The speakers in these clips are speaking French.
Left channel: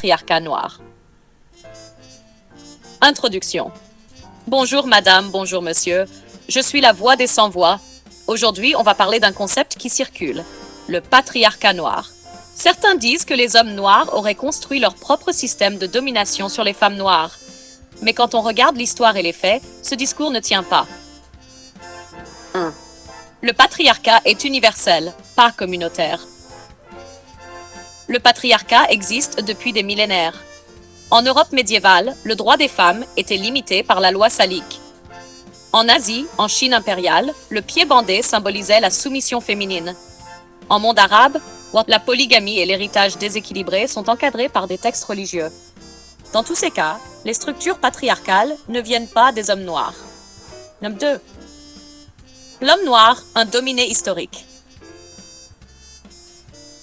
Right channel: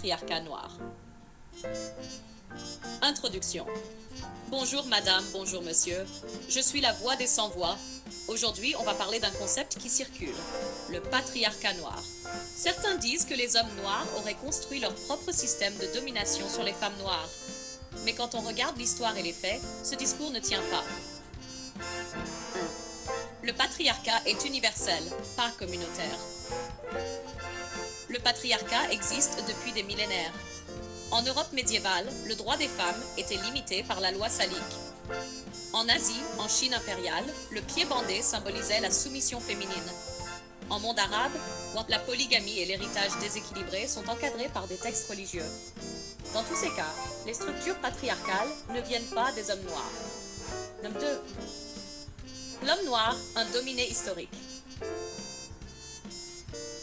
patriarcat noir. Introduction. Bonjour madame, bonjour monsieur. Je suis la voix des sans-voix. Aujourd'hui, on va parler d'un concept qui circule, le patriarcat noir. Certains disent que les hommes noirs auraient construit leur propre système de domination sur les femmes noires. Mais quand on regarde l'histoire et les faits, ce discours ne tient pas. 1. Le patriarcat est universel, pas communautaire. Le patriarcat existe depuis des millénaires. En Europe médiévale, le droit des femmes était limité par la loi salique. En Asie, en Chine impériale, le pied bandé symbolisait la soumission féminine. En monde arabe, la polygamie et l'héritage déséquilibré sont encadrés par des textes religieux. Dans tous ces cas, les structures patriarcales ne viennent pas des hommes noirs. Numéro 2. L'homme noir, un dominé historique.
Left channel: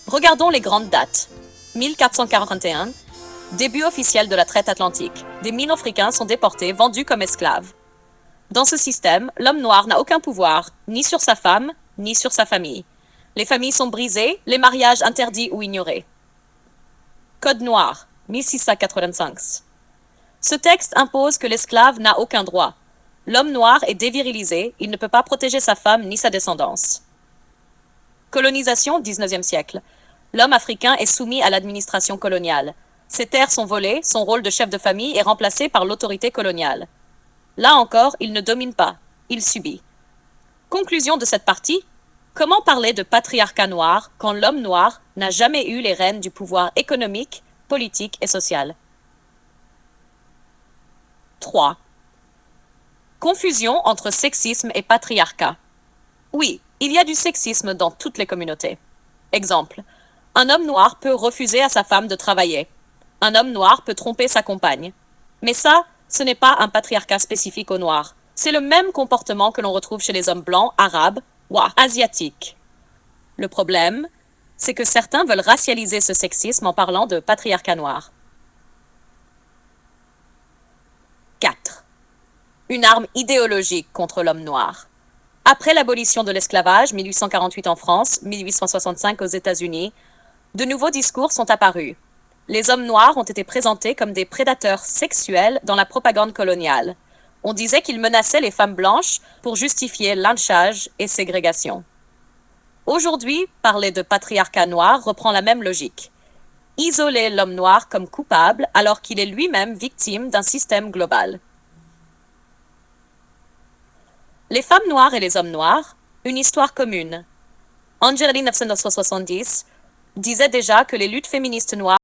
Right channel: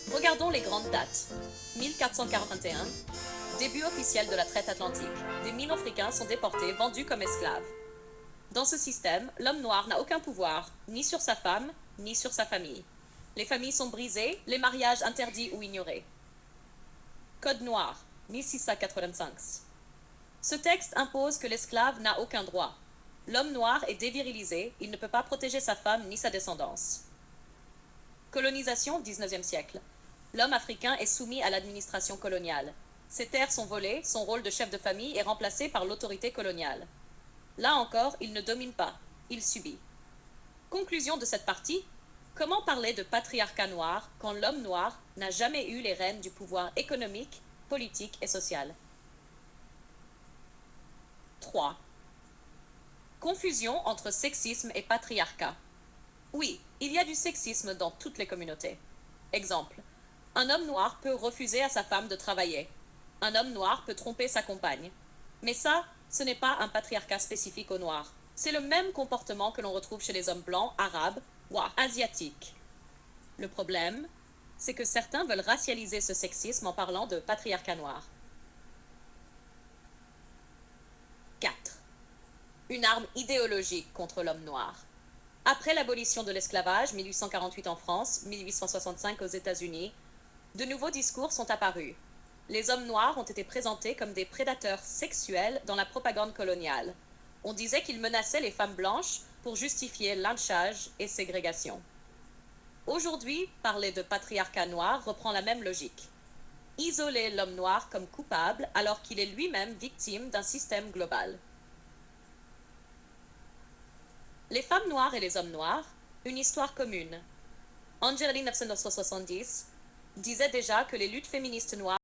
Regardons les grandes dates. 1441, début officiel de la traite atlantique. Des 1000 Africains sont déportés, vendus comme esclaves. Dans ce système, l'homme noir n'a aucun pouvoir, ni sur sa femme, ni sur sa famille. Les familles sont brisées, les mariages interdits ou ignorés. Code noir, 1685. Ce texte impose que l'esclave n'a aucun droit. L'homme noir est dévirilisé, il ne peut pas protéger sa femme ni sa descendance. Colonisation, 19e siècle. L'homme africain est soumis à l'administration coloniale. Ses terres sont volées, son rôle de chef de famille est remplacé par l'autorité coloniale. Là encore, il ne domine pas, il subit. Conclusion de cette partie, comment parler de patriarcat noir quand l'homme noir n'a jamais eu les rênes du pouvoir économique, politique et social? 3. Confusion entre sexisme et patriarcat. Oui, il y a du sexisme dans toutes les communautés. Exemple, un homme noir peut refuser à sa femme de travailler. Un homme noir peut tromper sa compagne. Mais ça, ce n'est pas un patriarcat spécifique aux noirs. C'est le même comportement que l'on retrouve chez les hommes blancs, arabes ou asiatiques. Le problème, c'est que certains veulent racialiser ce sexisme en parlant de patriarcat noir. 4. Une arme idéologique contre l'homme noir. Après l'abolition de l'esclavage, 1848 en France, 1865 aux États-Unis, de nouveaux discours sont apparus. Les hommes noirs ont été présentés comme des prédateurs sexuels dans la propagande coloniale. On disait qu'ils menaçaient les femmes blanches pour justifier lynchage et ségrégation. Aujourd'hui, parler de patriarcat noir reprend la même logique. Isoler l'homme noir comme coupable alors qu'il est lui-même victime d'un système global. Les femmes noires et les hommes noirs, une histoire commune. Angelina 1970 disait déjà que les luttes féministes noires